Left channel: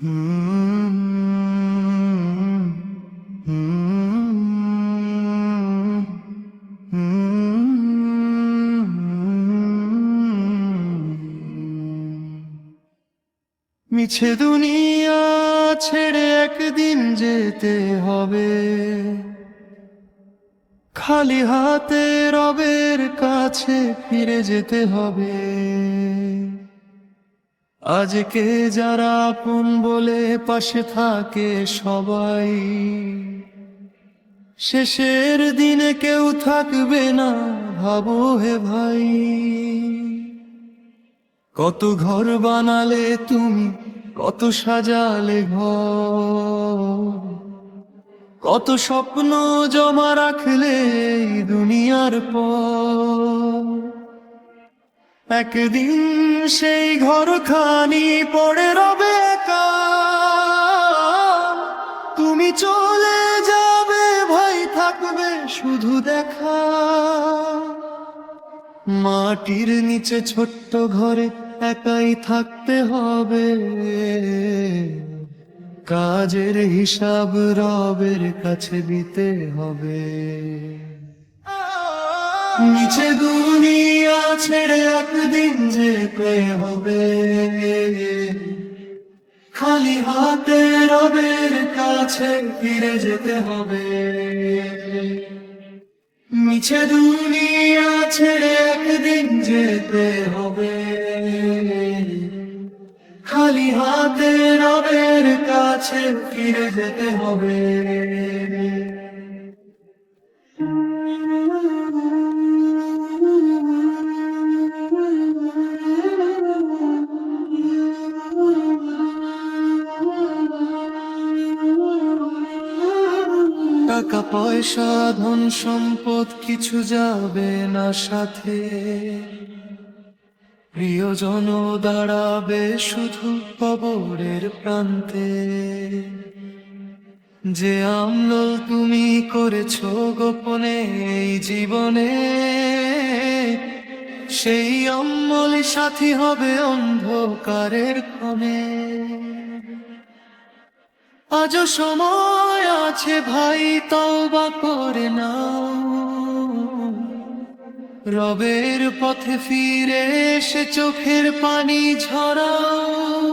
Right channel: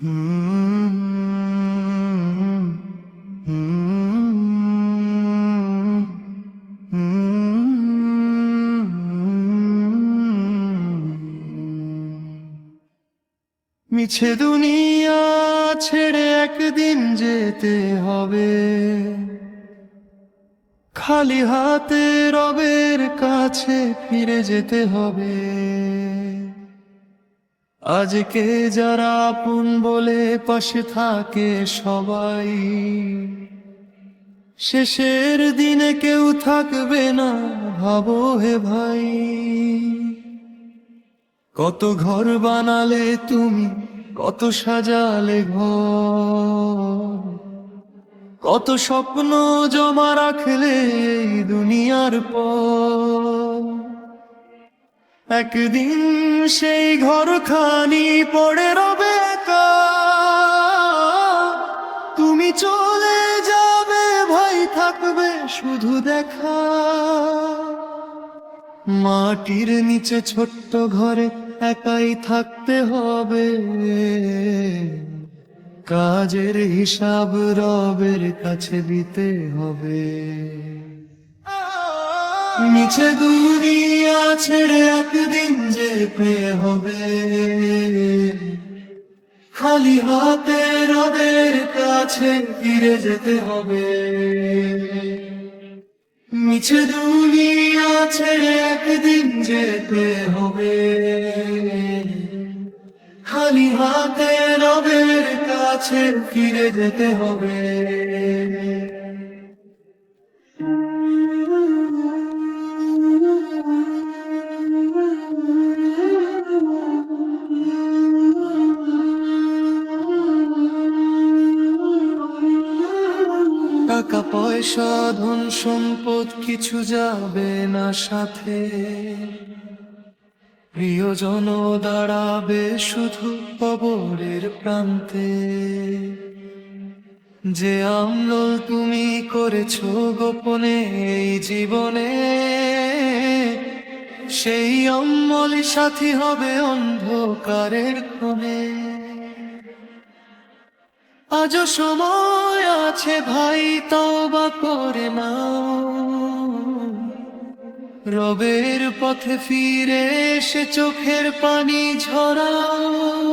হুম হুম মিছে দুনিয়া ছেড়ে একদিন যেতে হবে, খালি হাতে রবের কাছে ফিরে যেতে হবে। আজকে যারা আপন বলে পাশে থাকে সবাই, শেষের দিনে কেউ থাকবে না, ভাবো হে ভাই। কত ঘর বানালে তুমি, কত সাজালে ঘর, কত স্বপ্ন জমা রাখলে এই দুনিয়ার পর। একদিন সেই ঘরখানি পড়ে রবে একা, তুমি চলে যাবে ভাই, থাকবে শুধু দেখা। মাটির নিচে ছোট্ট ঘরে একাই থাকতে হবে, কাজের হিসাব রবের কাছে দিতে হবে। নিচে দুনিয়া ছেড়ে একদিন যেতে হবে, খালি হাতে রবের কাছে ফিরে যেতে হবে। মিছে দুনিয়া ছেড়ে একদিন যেতে হবে, খালি হাতে রবের কাছে ফিরে যেতে হবে। টাকা পয়সা ধন সম্পদ কিছু যাবে না সাথে, প্রিয়জন দাঁড়াবে শুধু কবরের প্রান্তে। যে আমল তুমি করেছো গোপনে এই জীবনে, সেই অমল সাথী হবে অন্ধকারের ক্ষণে। আজও সময় আছে ভাই, তওবা করে নাও, রবের পথে ফিরে এসে চোখের পানি ঝরাও।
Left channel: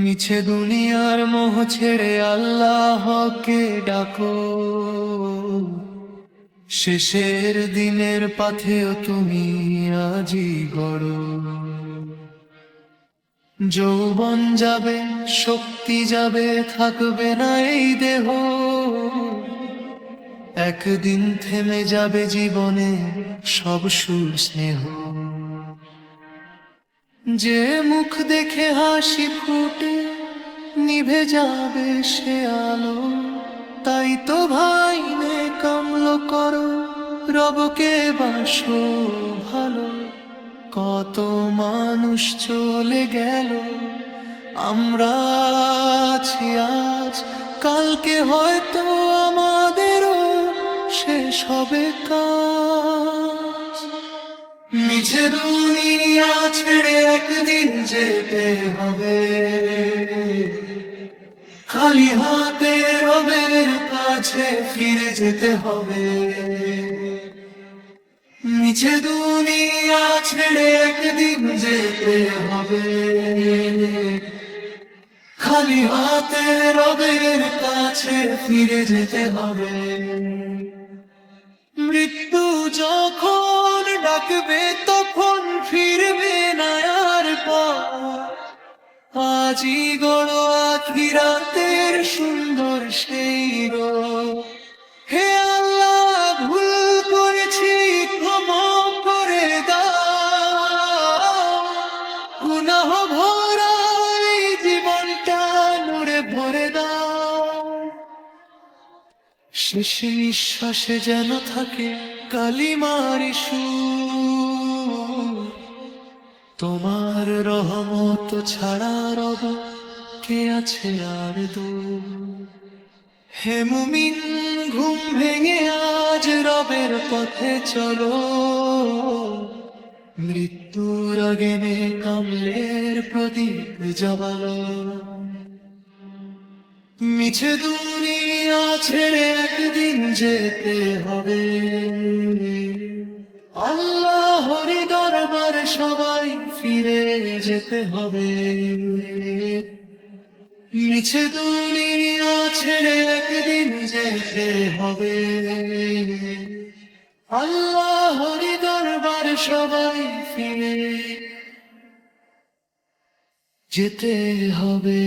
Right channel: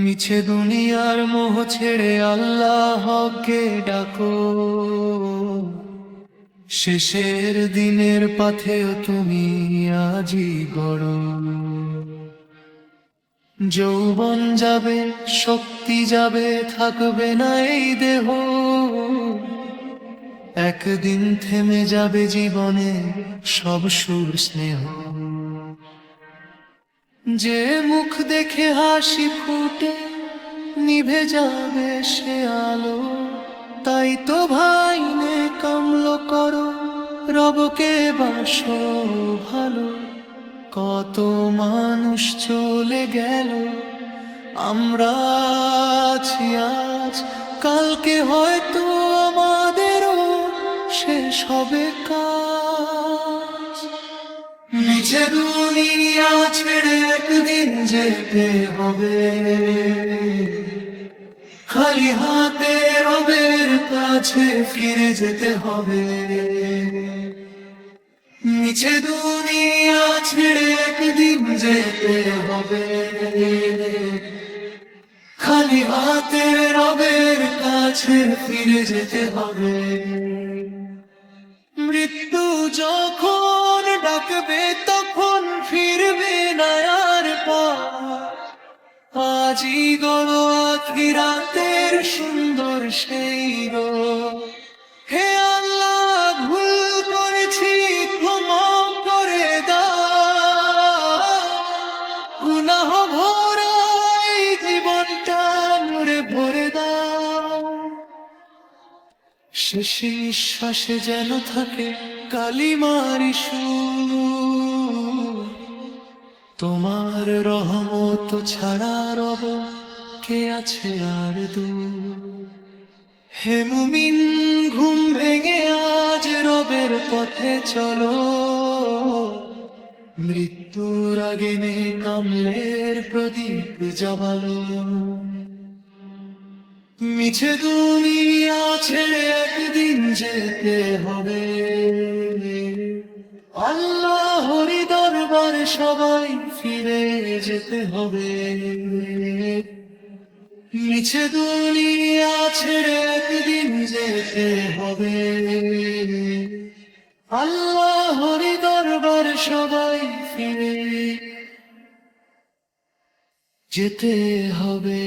মিছে দুনিয়ার মোহ ছেড়ে আল্লাহকে ডাকো, শেষের দিনের পথেও তুমি আজই গড়ো। যৌবন যাবে, শক্তি যাবে, থাকবে না এই দেহ, একদিন থেমে যাবে জীবনে সব সুর স্নেহ। যে মুখ দেখে হাসি ফুটে নিভে যাবে সে আলো, তাই তো ভাই নে কামল করো, রবকে বাসো ভালো। কত মানুষ চলে গেল, আমরা আছি আজ, কালকে হয়তো আমাদেরও শেষ হবে কাজ। মিছে দুনিয়া ছেড়ে একদিন যেতে হবে, খালি হাতে রবের কাছে ফিরে যেতে হবে। মিছে দুনিয়া ছেড়ে একদিন যেতে হবে, খালি হাতে রবের কাছে ফিরে যেতে হবে। মৃত্যু যখন ডাকবে তখন ফিরবে না আর পথ, আজই গড় আখিরাতের সুন্দর সেই রোদ। হে আল্লাহ, ভুল করেছি ক্ষমা করে দাও, গুনাহ ভরা এই জীবনটা নূরে ভরে দাও। শেষ নিঃশ্বাসে যেন থাকে কালিমার সুর, তোমার রহমত ছাড়া রব কে আছে আর দূর। হে মুমিন, ঘুম ভেঙে আজ রবের পথে চলো, মৃত্যু মৃত্যুর আগেনে কামলের প্রদীপ জ্বালালো। মিছে দুনিয়া ছেড়ে একদিন যেতে হবে, আল্লাহরি দরবারে সবাই ফিরে যেতে হবে। মিছে দুনিয়া ছেড়ে একদিন যেতে হবে, আল্লাহরি দরবারে সবাই ফিরে যেতে হবে।